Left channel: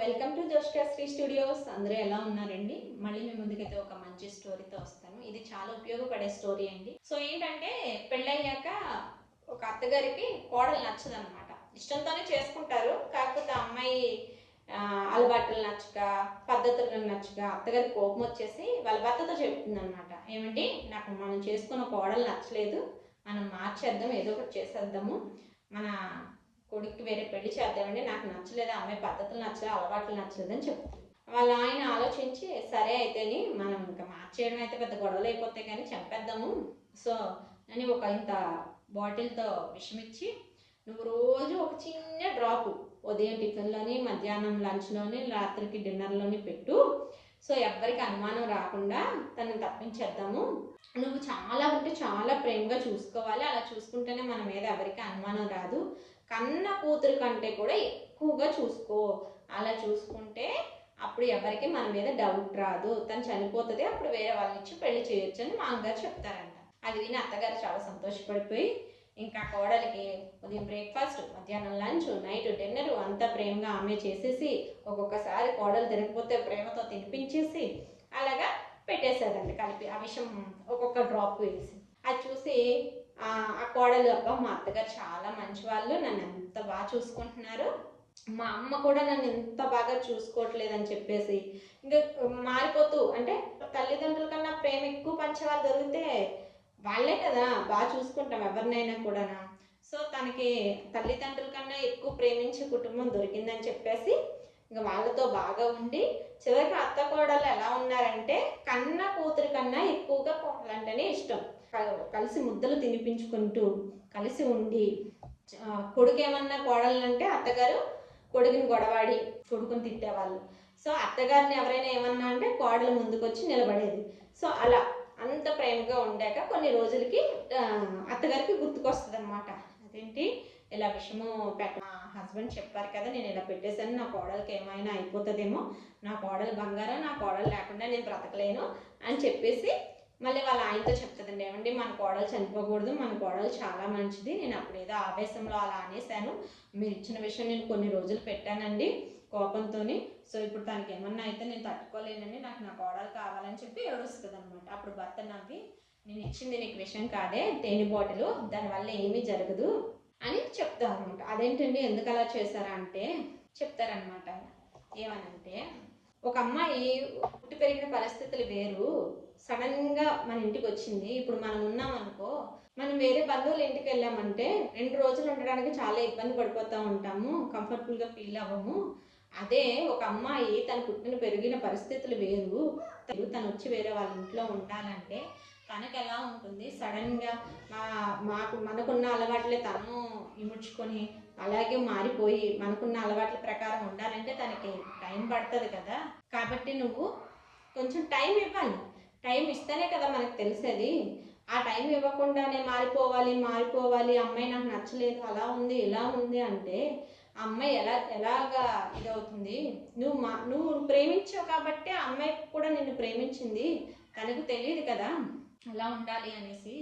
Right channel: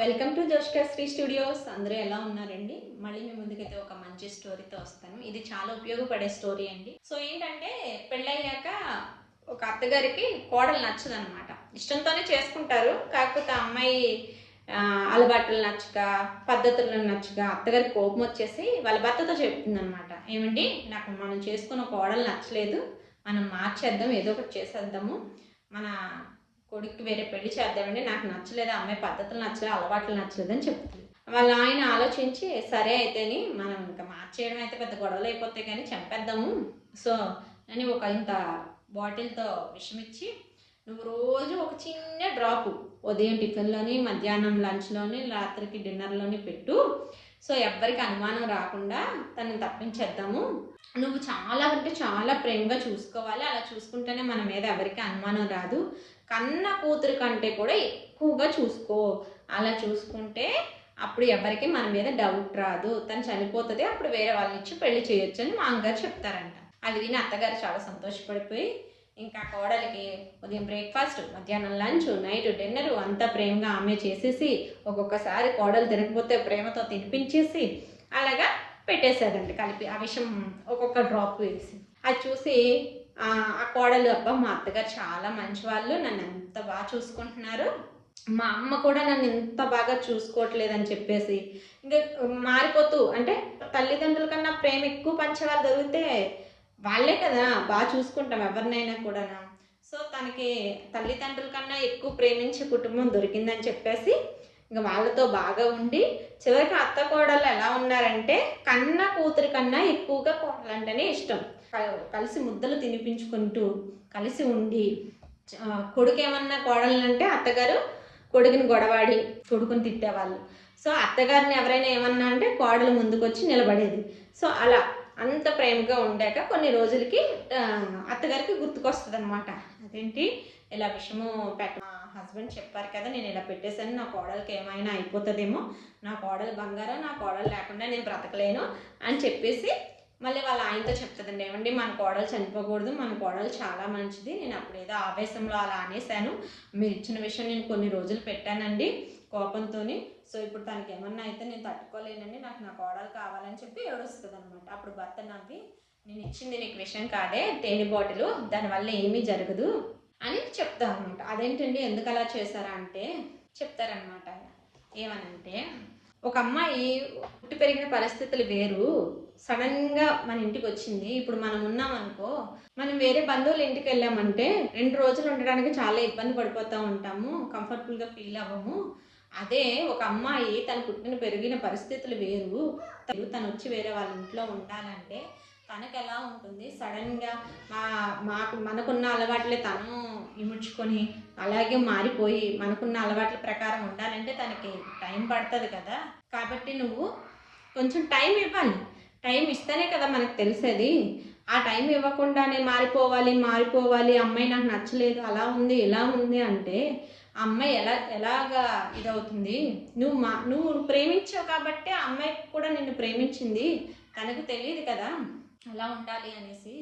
Welcome to Joshka Sri studios. అందరూ ఎలా ఉన్నారండి? మళ్ళీ మీ ముందుకైతే ఒక మంచి స్టోరీతో వస్తాను. ఇది చాలా ఉపయోగపడే స్టోరీ అండి. సో ఏంటంటే పెళ్ళయ్యాక ఒక అత్తగారికి కోడలు నచ్చదనమాట. ఇష్టంతోనే చేసుకుంటారు. కాకపోతే ఆ అమ్మాయి అలవాట్లు నచ్చక, పద్ధతులు నచ్చక అత్తగారికి కోపం వచ్చేసి వాళ్ళ భర్తతో చెప్తుందనమాట. ఏమండి, నాకు మనం చేసుకున్న కోడలు నచ్చలేదు, మనం మార్చేద్దాం, ఏదో ఒకటి చేసేద్దాము, మన కొడుక్కి వేరే పెళ్లి చేద్దామండి, నాకు నచ్చలేదు, అమ్మాయి పద్ధతులు నచ్చలేదు, అలవాట్లు నచ్చలేదు అని చెప్తుంది. వాళ్ళ ఆయన ఆలోచించి సరే అయితేని మనం ఇంకా మార్చేయడం అయితే పెద్ద గొడవలు అయిపోతాయి కానీ చంపేద్దాము. సో అని ఒక ఇంత బాటిల్తో విషం ఇచ్చి, నువ్వు రోజు ఒక చిన్న డ్రాపు ఉదయం టిఫిన్లోని, మధ్యాహ్నం లంచ్లోని, రాత్రికి డిన్నర్లోని పెట్టు. సో ఎవ్వరికి అనుమానం రాకుండా తనని తప్పించేద్దాము. నువ్వు చాలా అంటే చాలా ప్రేమగా చూసుకోవాలి, అలా చూసుకుంటేనే మన మీద ఎవరికి అనుమానం రాదు. కన్న కూతురు కంటే కూడా ఎక్కువగా చూసుకో, అలా చూసుకుంటే అప్పుడు ఎవరికి మన మీద డౌట్ రాదు, తను చనిపోతుంది, అప్పుడు వేరే వాళ్ళని ఇచ్చి పెళ్లి చేయొచ్చు అని మా అమ్మగారు చెప్తారంట. అది విని అత్తగారు చాలా సంతోషపడిపోయి ఇంకా కోడలికి ఉదయం బ్రేక్ఫాస్ట్, మధ్యాహ్నం లంచ్, నైట్ డిన్నర్ అంతా ప్రేమగా ఆమె చేసేసి, ఒక్కొక్కసారి కోడలు తిరగకపోతే ప్రేమతో తినిపించేసి అలాగా పెట్టేశారంట కలిపి, ఆ విషయం ఒక్కొక్క డ్రాప్ వేసి. అది చూసి ఆ కోడలు, అబ్బా మా అత్తగారు చాలా మంచి వాళ్ళు, నన్ను ఎంత బాగా చూసుకుంటున్నారు, మా అమ్మ కూడా నన్ను ఇంత బాగా చూసుకోవట్లేదని చెప్పేసి ఇంకా మారిపోతూ, అంటే తల్లిదండ్రుల కన్నా ప్రేమ ఎక్కువ పంచేవాళ్ళు దొరికితే వాళ్ళే కదా బాగా చూసుకుంటాం ఎవరినైనా కూడా. సో తనకి తల్లిదండ్రుల కన్నా ఎక్కువ ప్రేమించే కుటుంబం దొరికిందని చెప్పేసి ఇంకా వాళ్ళతో బాగా ఉండి, చివరికి అత్త కోడలు ఎలా ఉన్నారంటే కన్న కూతురి కన్నా ఎక్కువగా కోడలంటేనే ఇష్టం. కలిసి ముద్దలు తినిపించుకుంటూ కలిసి ఉండి, కొడుకు ఏమన్నా కోడలంటే అత్తగారు కొడుకుని గొడవాడి కొడుకుని తిట్టేవాళ్ళు. సో అత్తగారిని ఎవరైనా ఏమన్నా అంటే కోడలు ముందుకొచ్చి నిలబడేది. సో అలా అంత ప్రేమగా ఉండాక కొన్ని రోజులకి అత్తగారికి గుర్తుకొస్తుంది అనమాట. అదేంటి ఇలా విషము మా హస్బెండ్ చెప్పారు కదా, నేను ఇలా పెట్టేశాను, నా కోడలికి ఏమైనా అయిపోతుందేమో, నా కోడలు బంగారం, నా కోడలు లేకుండా నేను బ్రతకలేను అని చెప్పేసి మళ్ళీ వాళ్ళ ఆయనతో చెప్తుందండి. ఏమండి, మన కోడలు చనిపోకూడదు, మన కోడలు చాలా మంచిది, నేను అప్పుడు ఏదో ఆవేశంలో అలా అనేసాను, మీరు ఇచ్చిన విషయం నేను కొన్ని రోజులు పెట్టానండి కోపంతో, సో ఇప్పుడు తనకి ఏమన్నా అయితే నేను తట్టుకోలేనండి, నాకు నా కోడలు కావాలని చెప్పి ఏడుస్తుంది అనమాట. అప్పుడు భర్త నవ్వి, నేను ఇచ్చింది నీకు విషయం కాదే, తేనె బాటిలు, దానివల్ల ఏమీ జరగదు అని చెప్తారు అనమాట. అదేంటండి, ఎందుకు అలా చేశారా అంటే చెప్తారనమాట ఆయన. ఏమనంటే, ఒక అమ్మాయి పుట్టి పెరిగిన పరిస్థితులు వేరు, సడన్గా మన ఇంటికి వచ్చింది, ఇప్పుడు మనం ఉన్నాం అనుకో, మనం వేరే బంధువుల ఇంటికి వెళ్ళామంటే 2 రోజులు ఉండడానికి చాలా ఇబ్బంది పడిపోతూ ఉంటాము, కంఫర్టబుల్గా ఫీల్ అవ్వము. అదే ఒక అమ్మాయి తను పుట్టిన పెరిగిన పరిస్థితులు వేరు, తను వచ్చి వేరే వాళ్ళ ఇంట్లో ఉండాలంటే తనకు ఎలా ఉంటుంది, సడన్గా మనకున్న అలవాట్లే తను ఇముడ్చుకొని అలాగే మారిపోయి మనకున్న అలవాట్ల ప్రకారం ఉండాలంటే తనకి టైం పడుతుంది కదా. కాబట్టి నువ్వు కొంచెం టైం ఇవ్వాలి, టైం ఇస్తేనే కదా మనకు తెలిసేది. ఆ టైం ఇవ్వకుండానే మారిపోవాలి, అమ్మాయి నాకు నచ్చలేదు, అలా ఉంది ఇలా ఉంది అంటే ఆ అమ్మాయి ఎలాగా ఇదవుతుంది. నువ్వు ప్రేమించావు కాబట్టి ఆ అమ్మాయి కూడా నిన్ను ప్రేమించింది, తనకు తెలియదు కదా ఎలా ఉండాలి అనేసి.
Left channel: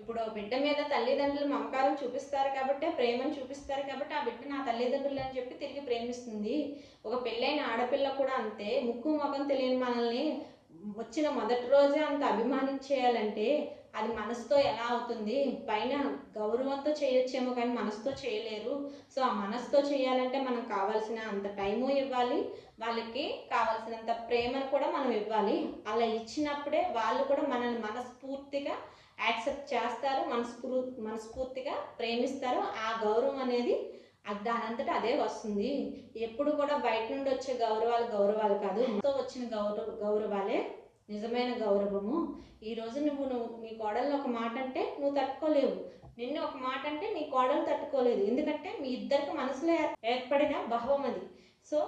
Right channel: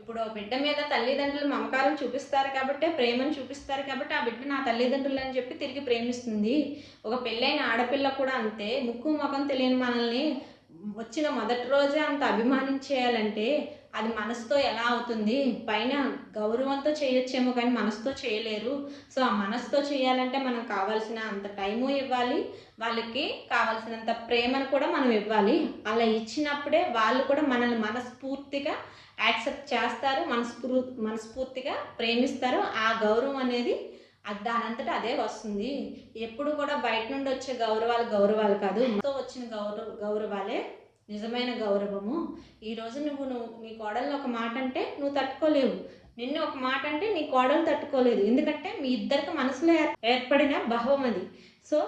ఇప్పుడు బిడ్డ మీద తల్లిదండ్రులు మమకారం చూపిస్తారు కాబట్టి, ప్రేమను చూపిస్తారు కాబట్టి ఆ బిడ్డ నా తల్లిదండ్రులు అని చెప్పి తిరిగి ప్రేమిస్తుంది. ఒక పెళ్ళైన ఆడపిల్ల కూడా అంతే, ముక్కు ముఖం తెలియని మనల్ని వచ్చిన మొదటి రోజే అంత అభిమానించేయాలంటే అది మనసుతో ఎలా అవుతుంది. పైన గౌరవంతో చేయొచ్చేమో కానీ మనసుతో చేయలేరు. సో ఆ మనసుతో చేయాలంటే మనం కావాల్సిన అంత టైము ఇవ్వాలి, వాళ్ళకి కావాల్సినంత ప్రేమను కూడా మనం ఇవ్వాలి. అలా ఇచ్చినప్పుడే వాళ్ళు కూడా మనల్ని మనస్ఫూర్తిగా యాక్సెప్ట్ చేస్తారు, మనస్ఫూర్తిగా ప్రేమిస్తారు. ఆ గౌరవం అనేది దానంతటా అదే వస్తుంది. ఎప్పుడు కూడా బయట నుండి వచ్చే గౌరవాలు కాదు, వచ్చిన గౌరవాలే నిజమైన గౌరవము. ఈరోజు నువ్వు నీ కోడల్ని ఒక మాట అంటే నువ్వు తట్టుకోలేవు, నిన్ను ఒక మాట అంటే నీ కోడలు తట్టుకోలేదు, ఎందుకంటే మీ ఇద్దరికి మనసులో ఏర్పడిన భావం అది. సో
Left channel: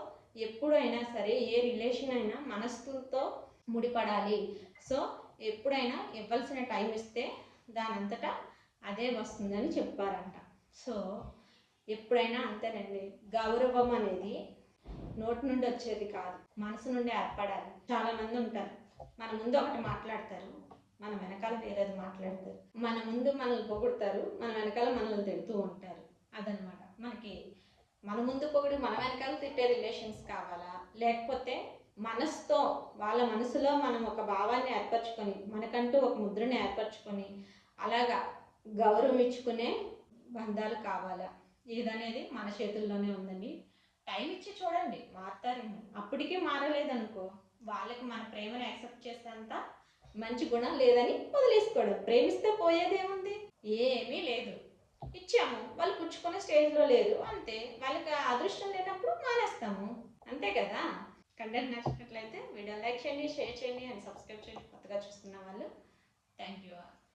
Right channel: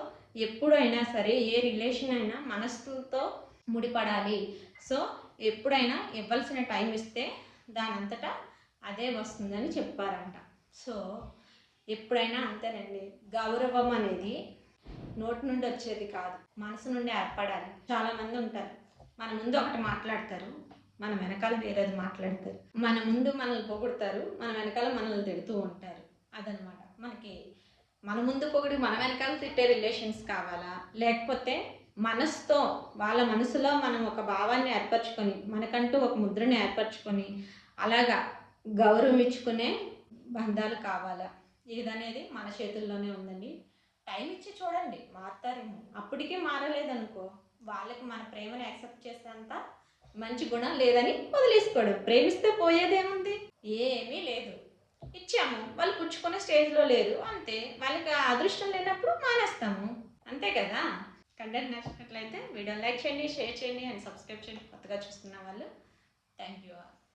ఎప్పుడైనా సరే ఏ రిలేషన్ అయినా మనసుతో ముడిపడాలి. సో ఎప్పుడైనా ఇవ్వాల్సిన టైం ఇస్తే దానంతటా అదే వస్తుందని చెప్పారంట. సో ఎప్పుడైనా అంతేనండి, గౌరవం అనేది నోటి నుండి వచ్చేది కాదు, మనసు నుండి ఏర్పడాలి. చాలామంది ఉంటారు, మన ముందు ఒకటి మాట్లాడతారు, మన వెనకాల వేరేది మాట్లాడతారు. మన ముందు మనల్ని పొగుడతారు, మన వెనకాల మనల్ని తిడుతూ ఉంటారు. అదనమాట మనకి మన ముందు పొగిడి మన వెనకాల తిట్టే రిలేషన్స్ కావాలా, లేకపోతే మనసుతో వాళ్ళ మనసులో మనం ఒక భావాన్ని ఏర్పరచుకొని మనకంటూ ఒక ముద్రని ఏర్పరచుకొని అలాగా గౌరవం ఇచ్చుకునే బంధాలు కావాలా, ఏదనేది మన చేతుల్లోనే ఉందండి. టైం ఇచ్చి చూడండి, మారుతారేమో. అప్పటికీ మారలేదనుకో వాళ్ళకి మన ప్రేమను యాక్సెప్ట్ చేసేంత మంచి గుణం లేదని వదిలేసుకోడు. ప్రేమిస్తే పోయేదేముంది, ఏమీ లేదు. ఇచ్చాము, వాళ్ళు పుచ్చుకునే స్టేజ్లో లేరు అంతే. వాళ్ళకి ఆ అదృష్టం లేనప్పుడు మానేస్తాము, అంతే కదా. కంటెంట్ నచ్చినట్లయితే వీడియోని లైక్ చేయండి, షేర్ చేయండి అండ్ సబ్స్క్రైబ్ చేయండి కొత్తగా చూస్తున్న వాళ్ళు. Thank you.